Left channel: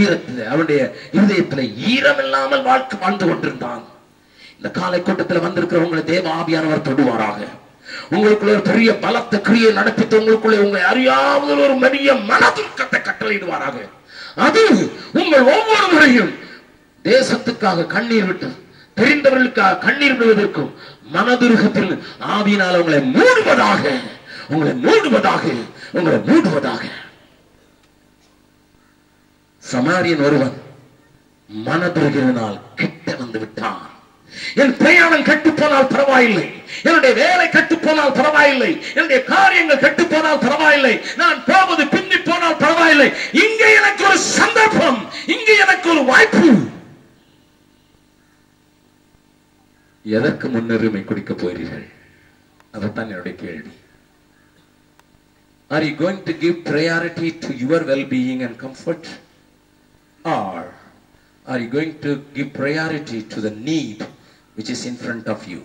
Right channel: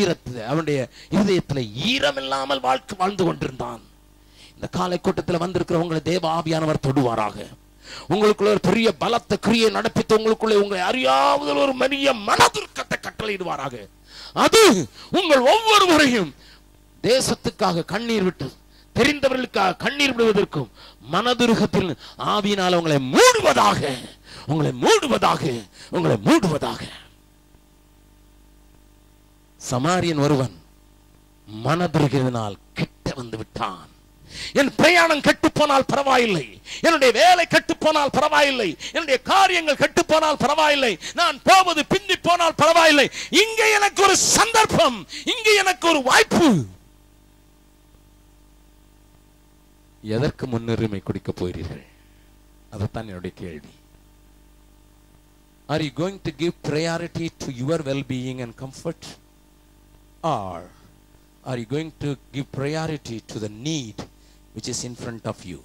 ஈரத்தில் அவனுடைய இதயத்தில் ஈரம் இல்லாமல் வாழ்ந்து கொண்டிருந்தான். இந்த காலை கூட்டத்தில் வந்திருக்கிற உங்களை தேவ ஆவியானவர் தொடுவாராக. உங்களுக்குள்ள ஒரு பெரிய பலத்த கிரியை நடப்பித்து உங்களுக்குள்ள உங்களை அறியாத ஒரு பெரிய மனதுக்கத்தை கட்டளையிடுவாராக. அது உங்கள் ஒவ்வொருவரையும் தேசத்துக்காக கண்ணீர் விட்டு தெரிந்தவர்களுக்காக கண்ணீர் விடுவதற்கும் மனதுருகத்தில் ஆவியினால் உங்களை மூடுவதாக, உங்களை மூடுவதாக, உங்களை மூடுவதாக. சமாரியன் ஒருவன் மனதுருகினால் கிட்ட வந்து விட்டான். என் பிரயாணம் கெட்டு போனால் பரவாயில்லை, என்னுடைய வேலை கெட்டு போனால் பரவாயில்லை, என்னுடைய காரியங்கள் கெட்டு போனால் பரவாயில்லை, நான் போவது பிந்தி போனால் பரவாயில்லை, இங்கே எனக்கு ஒரு சந்தர்ப்பம், இங்கே எனக்கு ஒரு வாய்ப்பு. எதற்கு முன்னுரிமை கொடுக்க போகிறீர்கள்? அதுதான் என்னுடைய கேள்வி. Are you going to give priority to your well-being and comfort, or are you going to give priority to the need which is in front of you?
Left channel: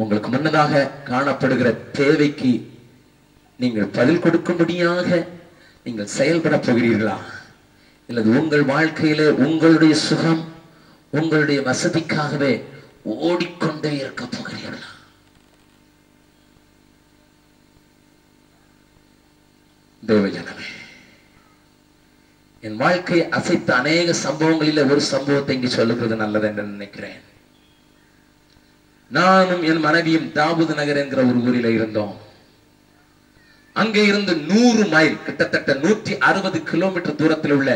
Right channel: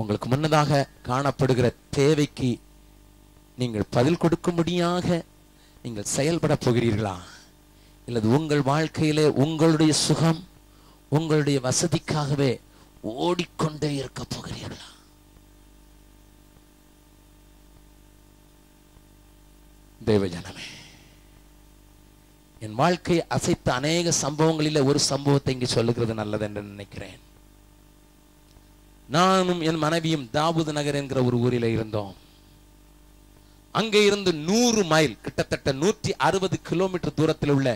உங்களுக்கு முன்னதாக காணப்படுகிற தேவைக்கு நீங்கள் பதில் கொடுக்கும்படியாக நீங்கள் செயல்பட போகிறீர்களா, இல்லது உங்கள் வாழ்க்கையிலே உங்களுடைய சுகம் உங்களுடைய வசதிக்காகவே ஓடிக்கொண்டே இருக்க போகிறீர்களா? தேவஜனமே, என் வாழ்க்கையை அசைத்த அநேக சம்பவங்களில் ஒரு சம்பவத்தை இங்கு சொல்லுகிறது நல்லது என்று நினைக்கிறேன். நானும் என் மனைவியும் தாவூது நகர் என்கிற ஒரு ஊரில் இருந்தோம். அங்கே இருந்து 100 மைல், கிட்டத்தட்ட 160 கிலோமீட்டர் தூரத்தில் உள்ள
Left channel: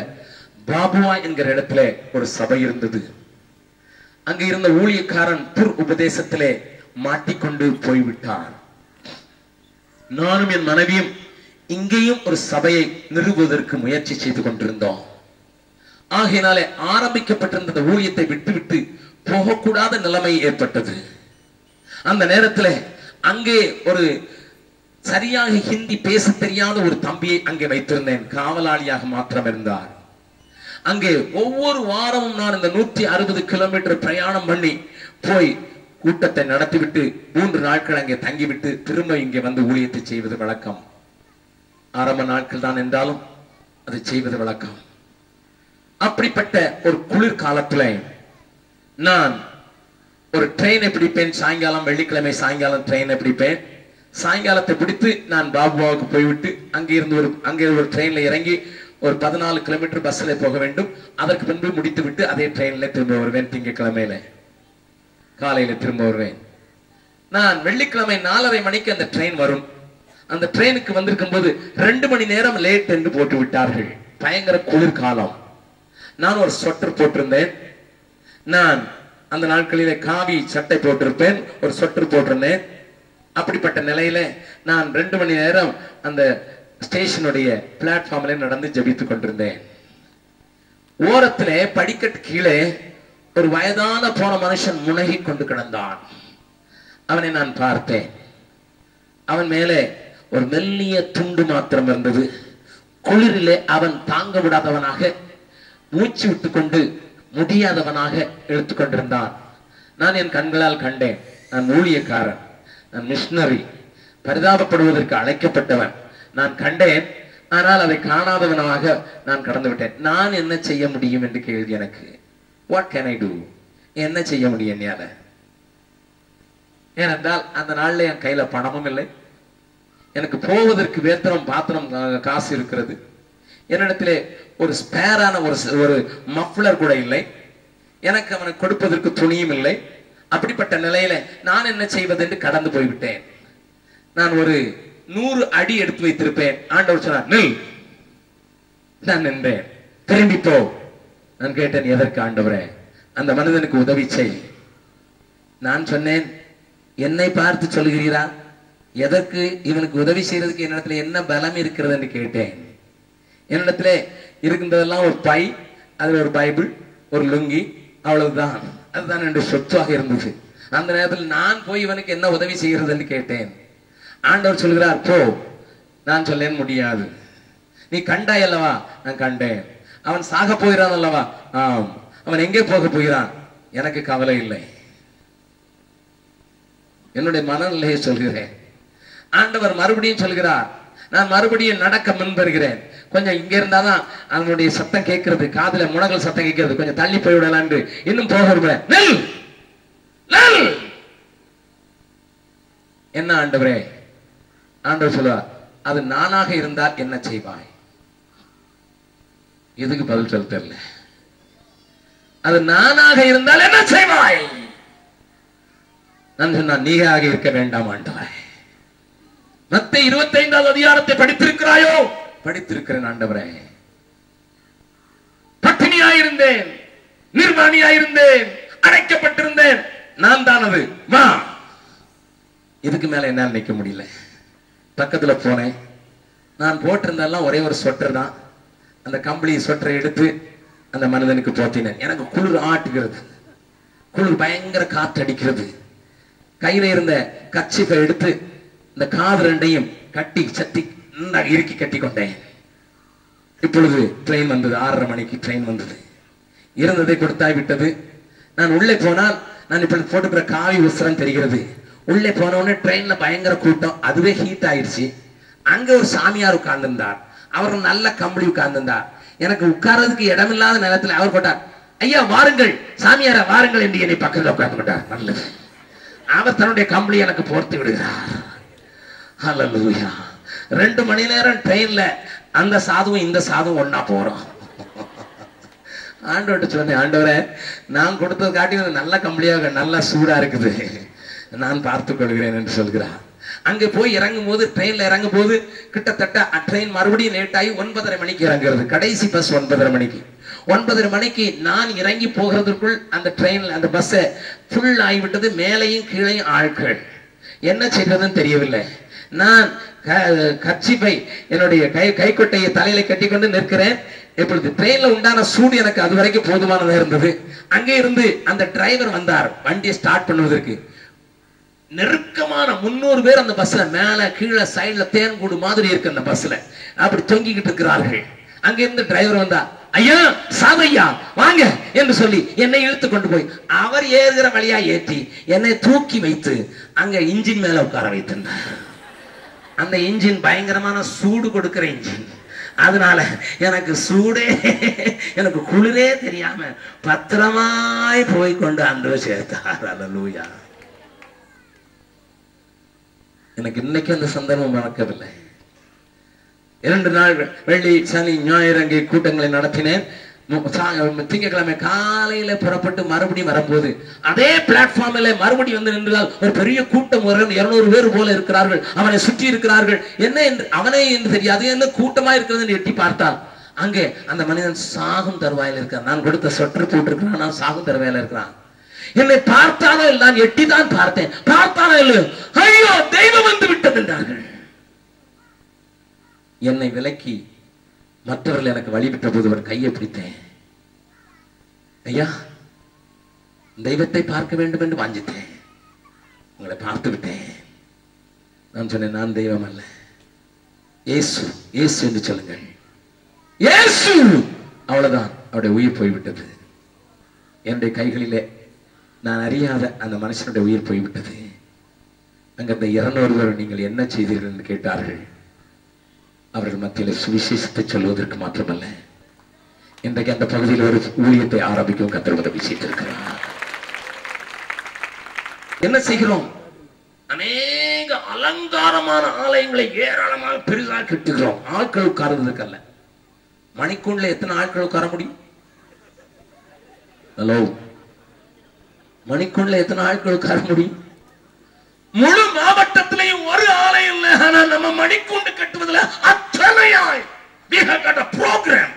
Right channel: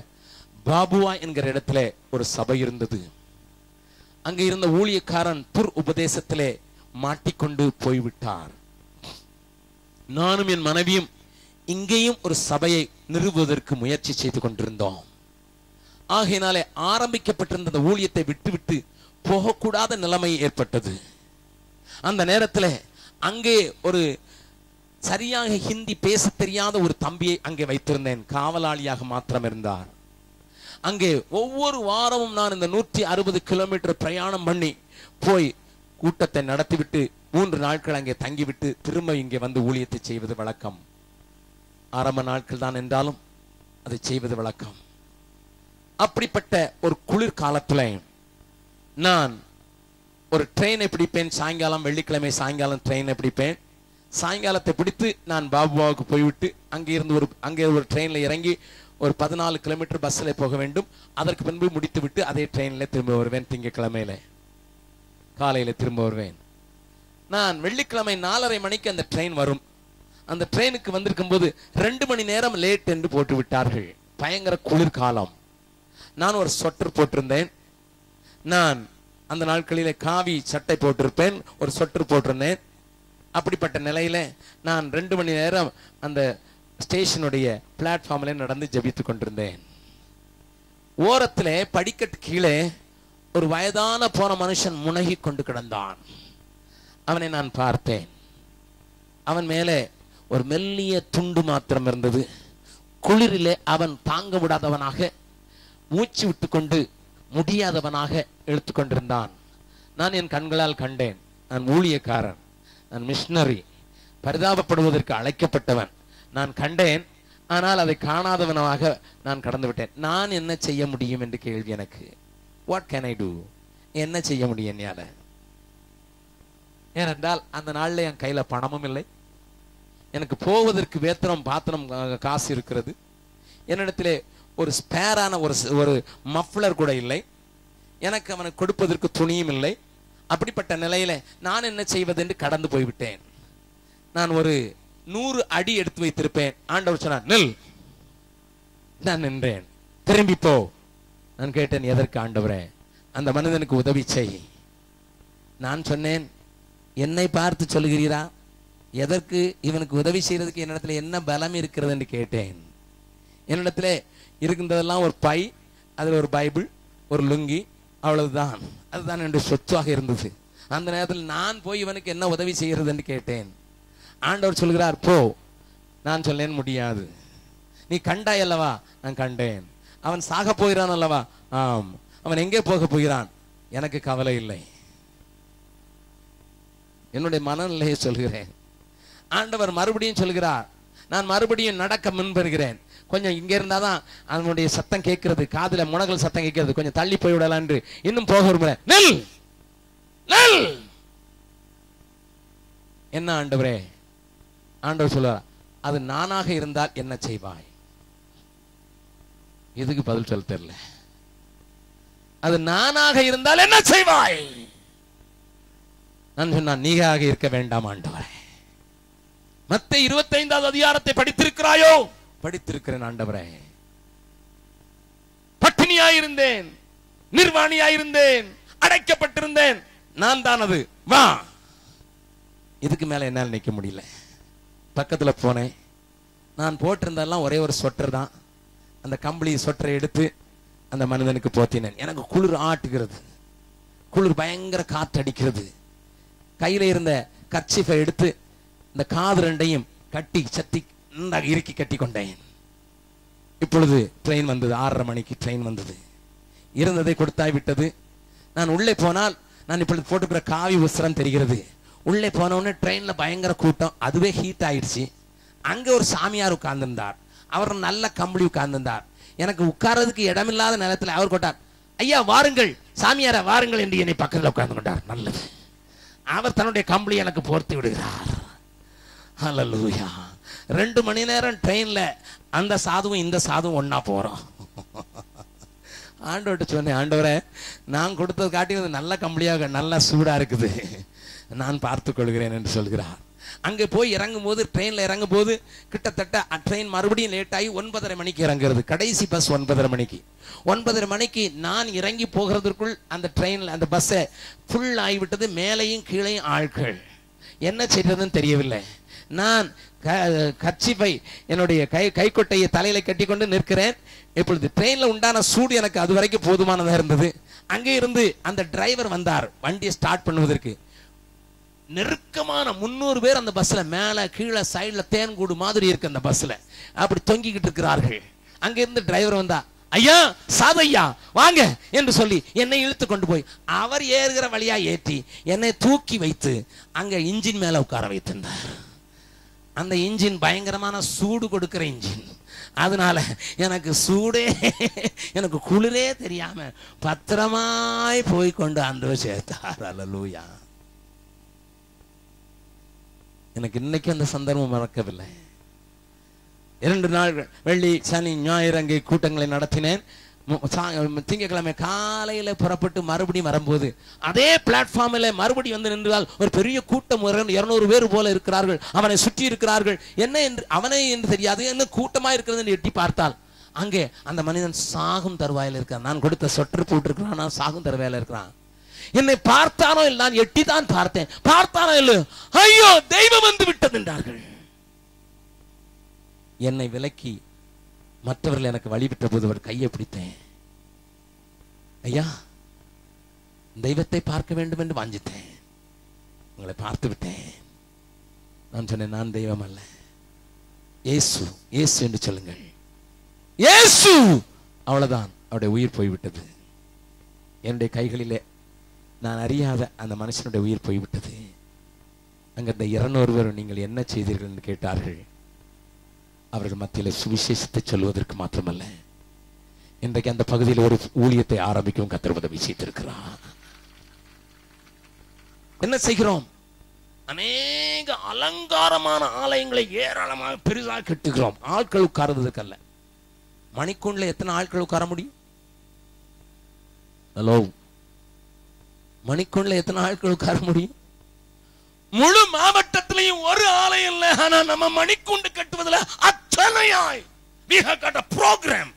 பாபுவா என்கிற இடத்துல ஒரு சபை இருந்தது. அங்கே இருந்த ஊழியக்காரன் துர் உபதேசத்திலே மாட்டிக்கொண்டு போய்விட்டார். நானும் என் மனைவியும் இங்கேயும் ஒரு சபையை நிறுவுவதற்கு முயற்சி செய்து கொண்டிருந்தோம். ஆகையினாலே ஆரம்பிக்கப்பட்டிருந்த ஊழியத்தை விட்டுவிட்டு போகக்கூடாத நிலைமை ஏற்பட்டது. அந்த நேரத்தில் அங்கே ஒரு சரியாக ஹிந்தி பேச தெரியாத ஒரு தம்பியை அங்கே வைத்திருந்தேன். காவலாளியாக மாத்திரம் இருந்தார். அங்கே ஒவ்வொரு வாரமும் நான் இந்த 160 கிலோமீட்டர் பிரயாணம் பண்ணி போய் கூட்டத்தை நடத்திவிட்டு 3 நாட்கள் அங்கே தங்கிவிட்டு திரும்ப இங்கே வந்து ஊழியத்தை செய்வது வழக்கம். ஆரம்ப நாட்கள் தான் என்றாலும் அதை செய்வது வழக்கம். அப்படிப்பட்ட ஒரு குளிர் காலத்துல நான் ஒரு ட்ரெயினை பிடிப்பேன். சாயங்காலம், வெள்ளிக்கிழமை சாயங்காலம் ட்ரெயினை பிடிப்பேன். சாயங்காலத்தை பிடித்து நான் பாபுவாவுக்கு போய்விட்டு அங்கே ஒரு ட்ரெயின்ல இறங்கி ஒரு 14 கிலோமீட்டர் பஸ்ல போக வேண்டும். அதற்கு பின்பு முடித்து விட்டு அதே ட்ரெயின்ல திரும்ப வருவேன். திங்கட்கிழமையில காலையில திரும்ப வருவேன். நான் வெள்ளிக்கிழமை 4:30 மணிக்கு அந்த ட்ரெயின் வரும். அந்த ட்ரெயினுக்கு வந்திருக்கும் போது 2 மணி நேரம் லேட் என்று போட்டு விட்டார்கள். பயங்கர குளிர்காலம். நான் ஒரு ஸ்வெட்டர் போட்டிருந்தேன். நான் அந்த நாட்களிலே காவி சட்டை போட்டிருப்பேன், ஒரு ஸ்வெட்டர் போட்டிருந்தேன். அப்படிப்பட்ட நிலையில நான் 2 மணி நேரம் அந்த ஸ்டேஷனுடைய பிளாட்ஃபார்ம்ல நடந்து ஜெபித்துக் கொண்டிருந்தேன். ஓரத்திலே படிக்கட்டு கீழே ஒரு வயதான போன மனுஷன் முனகி கொண்டு கிடந்தான். அவனை நான் பார்த்தேன். அவன் மேலே ஒரு மெல்லிய துண்டு மாத்திரம் இருந்தது. குளிரிலே அவன் தாங்க விடாதவனாக, மூச்சு விட்டு கொண்டு முடியாதவனாக எடுத்துக் கொண்டிருந்தான். நான் என் கண்களால் கண்டேன். நான் ஊழியக்காரன், நான் மிஷனரி, பரிதாபப்படுவதற்கு அழைக்கப்பட்டவன். நான் கண்டேன். ஆனால் அதை காணாதவனாக நான் கடந்து விட்டேன். நான் என்ன செய்ய முடியும் என்று கேள்வி எனக்கு. What can I do? என்ன செய்ய முடியும் என்னால? ஏனென்றால் அந்த நாள்ல என் கையில பணமும் இல்லை. எனக்கு போவதற்கு வேத்திரம் பாத்திரம் காசு இருக்கிறது. என்னிடத்திலே ஒரு ஸ்பேரான ஒரு மஃப்ளர் கூட இல்லை. எனக்கு அவனுக்கு கொடுப்பதற்கு துணியும் இல்லை. அப்படிப்பட்ட நிலையில நான் என்ன செய்வது என்று கடந்து போய்விட்டேன். நான் ஒரு 100 அடி எடுத்து வைத்திருப்பேன். ஆண்டவர் சொன்னார், நில். நான் நின்றேன். திரும்பி போ. நான் கேட்டேன், எதற்கு ஆண்டவரே? அந்த மனிதனுக்கு உதவி செய். நான் சொன்னேன், என்னை பார்த்து சொல்கிறீரா? எதற்கு? இவனுக்கு உதவி செய்யறதுக்கு என்னிடத்துல என்ன பலம் இருக்கிறது என்று கேட்டேன். என்னிடத்துல இருக்கின்றதெல்லாம் ஒரு பை, அது ஒரு பைபிள், ஒரு லுங்கி, அவ்வளவுதான். அதுதான் என்னுடைய சொத்தாக இருந்தது. அந்த நேரத்தில் நான் போய் இவனுக்கு என்ன உதவி செய்கிறது என்று கேட்டேன். ஆண்டவர் சொல்கிறார், போ. நான் சொல்லேன், முடியாது. நீ கண்டாய் அல்லவா? நான் கண்டேன். அவன் சாக போகிறான் அல்லவா? ஆம். அவன் எங்கே போக போகிறான்? எனக்கு கவலை இல்லை. என்னுடைய மனநிலையை சொல்கிறேன். ஆண்டவர் மறுபடியும் சொல்கிறார், நான் மறுபடியும் நடக்க முன்வருகிறேன். கொஞ்சம் இங்க இருந்தாதான் அதனுடைய சத்தம் கேட்கறது, காதுல முனகல் சத்தம் கேட்கறது, கொஞ்சம் தள்ளி போய்விடலாம். இன்னும் போக என்ன ஆண்டவரே? ஆண்டவர் சொல்லுவார், அது நானாக இருந்தால் என்ன செய்வாய்? எதுக்கு பதில் சொல்ல தெரியல. அது நானாக இருந்தால் என்ன செய்வாய்? நான் சொன்னா, நீயாக இருக்க வேண்டாம் ஆண்டவரே. மத்தேயு 25வது அதிகாரத்தை படித்திருக்கிறாயோ? படித்திருக்கிறேன் ஆண்டவரே. பட்டினியாயிருந்தேன், நிர்வாணியாயிருந்தேன், அடைக்கப்பட்டிருந்தேன், நான் தான் அது, வா. இதுக்கு மேல என்ன நினைக்க முடியல. பக்கத்துல போனேன். நான் போட்டிருந்தாலும் ஒரே ஒரு ஸ்வெட்டர் தான். அந்த கம்பளி ஸ்வெட்டரை எடுத்து அந்த மனிதனுக்கு போத்தினேன். எனக்கு குளிர் ஆட்டுகிறது, குளிர் பயங்கர காற்று அடிக்கிறது. கையில இருந்த கர்ச்சீஃபை எடுத்து இந்த காது ரெண்டையும் கட்டி சத்தி இறுக்கி கட்டி கொண்டேன். இப்பொழுது ட்ரெயின் வந்தது. 6:30 மணிக்கு ட்ரெயின் வந்தது. இருந்ததை கொடுத்தாய் விட்டது. நான் உள்ளே போனால், நான் இப்பொழுது போட்டுக்கிற காவி உஸ்திரம் தெரிகிறது. உள்ளே போன உடனே ட்ரெயின்ல பயங்கர கூட்டம். அதுவே ஹீட் ஆயிடுச்சு. அங்க ஒரு சாமியார் உட்கார்ந்திருந்தார். அவர் நல்ல கம்பளி உட்கார்ந்திருந்தார். எனக்கு உட்கார்றதுக்கு இடமில்லாத நேரத்தில் அவர் போட்டார், ஐயா வாருங்கள், சாமியார வாருங்கள் என்று என்னை பக்கத்தில் உட்கார்ந்து விட்டார். நல்லது. அவர் தன்னுடைய கம்பளி எனக்கு போர்த்து விடுகிறார். ஹல்லேலூயா. 2 மணி நேரம் ட்ரெயின்ல அந்த சாதுவும் இந்த சாதுவும் ஒன்னா போறோம். ஆண்டவர்கிட்ட சொன்னேன், ஆண்டவரே, நான் கொடுத்தது காட்டி நல்ல கம்பளியாக நல்ல சூடா இருக்குது, நான் பார்த்துக் கொள்கிறேன் என்று சொல்கிறார். அங்கே போய் இறங்கும் போது, ட்ரெயின்ல இறங்கும் போது கிட்டத்தட்ட ட்ரெயின் மறுபடியும் லேட் ஆகி 9:30 மணிக்கு இறங்குறது. கடைசி பஸ் 9:30 மணிக்கு. 9:30 மணிக்கு நான் இறங்கி போகிறதுக்குள் அந்த ட்ரெயின்ல அந்த பஸ் ஃபுல் ஆகிவிட்டது. மேலையும் கீழையும் ஆட்கள். என்ன செய்யறதுன்னு தெரியவில்லை. நான் கர்ச்சீஃபை என்னுடைய கைக்கொட்டையை தலையில கட்டி கொண்டு நிற்கிறேன். இப்பொழுது ட்ரெயின்ல உண்டான சூடு எனக்கு அது வரைக்கும் போதுமானதா இருந்தது. அங்கே இருந்து அந்த டிரைவர் வந்தார் வண்டியை ஸ்டார்ட் பண்ணுவதற்கு. நெருக்கமான 300 பேர் அந்த பஸ்ல, மேல கீழே சைடுல தேன் கூடு மாதிரி இருக்கு அந்த பஸ்ல, அப்படி தொங்கிக்கிட்டு இருக்கிறார்கள். அங்க இருந்து டிரைவர் வந்தா, ஐயா சாதையா வாங்க என்று சொல்லி என்னை இழுத்து கொண்டு போய் அவர் ஏறுகிற வழியா ஏற்றி என்னை தூக்கி வைத்து அங்க இன்ஜின் மேல உட்கார வைத்திருந்தார். அந்த இன்ஜின் பயங்கரமான சூடு கொடுக்கிற இன்ஜின். அதனால எனக்கு சூடே, எனக்கு குளிரே தெரியாம பத்திரமாய் போய் கொண்டு அந்த சேர்த்தார். அல்லேலூயா. எனக்கு இன்னைக்கு அந்த சந்தர்ப்பம் மறக்கவில்லை. 2 நாள் வெள்ளி சனி ஞாயிறு அங்கே கூட்டங்களை நடத்தினேன். திங்கட்கிழமை காலையில புறப்பட்டு மறுபடியும் வரும்போது அதே பிளாட்ஃபார்ம்ல மறுபடியும் வந்து நின்றால் ஒரு பெரிய கூட்டம், 200 பேர் போல இருக்கிறார்கள். அவனை சுற்றி இருக்கிறார்கள். என்ன என்று அவனே என்று தெரியாது, என்ன கூட்டமா இருக்கிறது எட்டி பார்த்தால் அங்கே அந்த மனிதன் சாகும் தருவாயில் இருக்கான். நான் கொடுத்த சொட்டர் போட்டிருக்கிறான், நான் சாகும் தருவாயில இருக்கிறான். என்னை பார்த்தானோ இல்லை, நான் எட்டிதான் பார்த்தேன். பார்த்தானோ இல்லை, ஐயோ தெய்வம் வந்து விட்டது என்றார்கள். என்னை விலக்கி மற்றவர்கள் எனக்கு வழிவிட்ட போது ஒரு கையை பிடித்தேன். ஐயா, தெய்வத்தை பார்க்க வேண்டும் என்று வாஞ்சித்தேன், உங்களை பார்த்து விட்டேன். நான் சொன்னேன், நான் தெய்வம் அல்ல, இயேசு, இயேசு என்று சொல்லுங்கள், இயேசு. அவ்வளவுதான், அவருடைய உயிர் போய்விட்டது. என்னுடைய கைகளிலே நான் அறியாத அந்த மனுஷனுடைய உயிர் போய்விட்டது. அங்க அந்த 200 பேர் நீங்கள் என்ன செய்தீர்கள் என்று கேட்டார்கள். அவர்கள் மத்தியில் சுவிசேஷத்தை சொல்வதற்கு மாத்திரமல்ல, இன்றைக்கு அந்த பகுதியில் ஒரு ஊழியத்தை ஆரம்பிக்கும் கர்த்தர் உதவி செய்திருக்கிறார். என்ன செய்கிறோம்? அநேக அலங்காரமான ஆலயங்களை ஏராளமாக பெரிதாக கட்டுகிறோம். ஆட்கள் உட்கார்றதுக்கு அல்ல. மணிக்கூண்ல எத்தனை ஆட்கள் உட்கார முடியும்? ஹலோ, மணிக்கூண்ல எத்தனை ஆட்கள் உட்கார முடியும்? முழு மாவட்டத்திலையும் ஒரு ஆலயம் இல்லை. ஆனா நம்ம மணிக்கூண்டு கட்டுவதில் அத்தனையாய் we have got a program.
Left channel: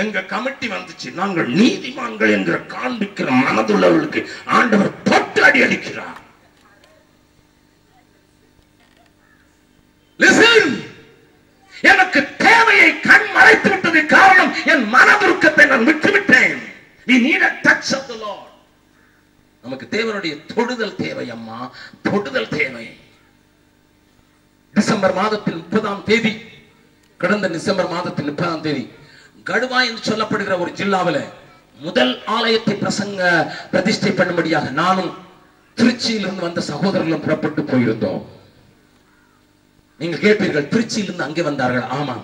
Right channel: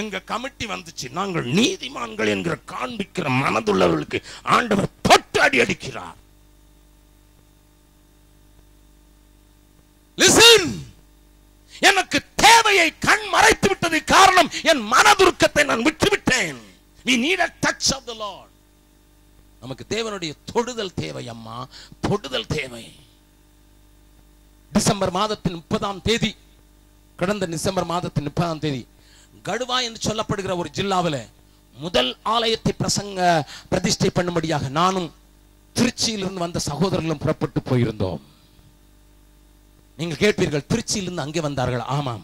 எங்க கமிட்டி வந்துச்சு, நாங்கள் நீதிமான்கள் என்று காண்பிக்கிற மனதுள்ளவர்களுக்கு ஆண்டவர் பட்டாடி அடிக்கிறார். Listen, எனக்கு தேவையை கண் மறைத்து விட்டது. காரணம், என் மனதுருக்கத்தை நான் விட்டுவிட்டேன். We need a touch of the Lord. நமக்கு தேவனுடைய தொடுதல் தேவை. அம்மா, தொடுதல் தேவை. டிசம்பர் மாதத்தில் 30ஆம் தேதி, கடந்த டிசம்பர் மாதத்தில் 30ஆம் தேதி கடுவா என்று சொல்லப்படுகிற ஒரு ஜில்லாவில் முதல் ஆலயத்தை பிரதிஷ்டை பண்ணும்படியாக நானும் திருச்சியிலிருந்து வந்த சகோதரர்களும் புறப்பட்டு போயிருந்தோம். நீங்கள் கேட்பீர்கள், திருச்சியிலிருந்து அங்கே வந்தார்கள். ஆமா,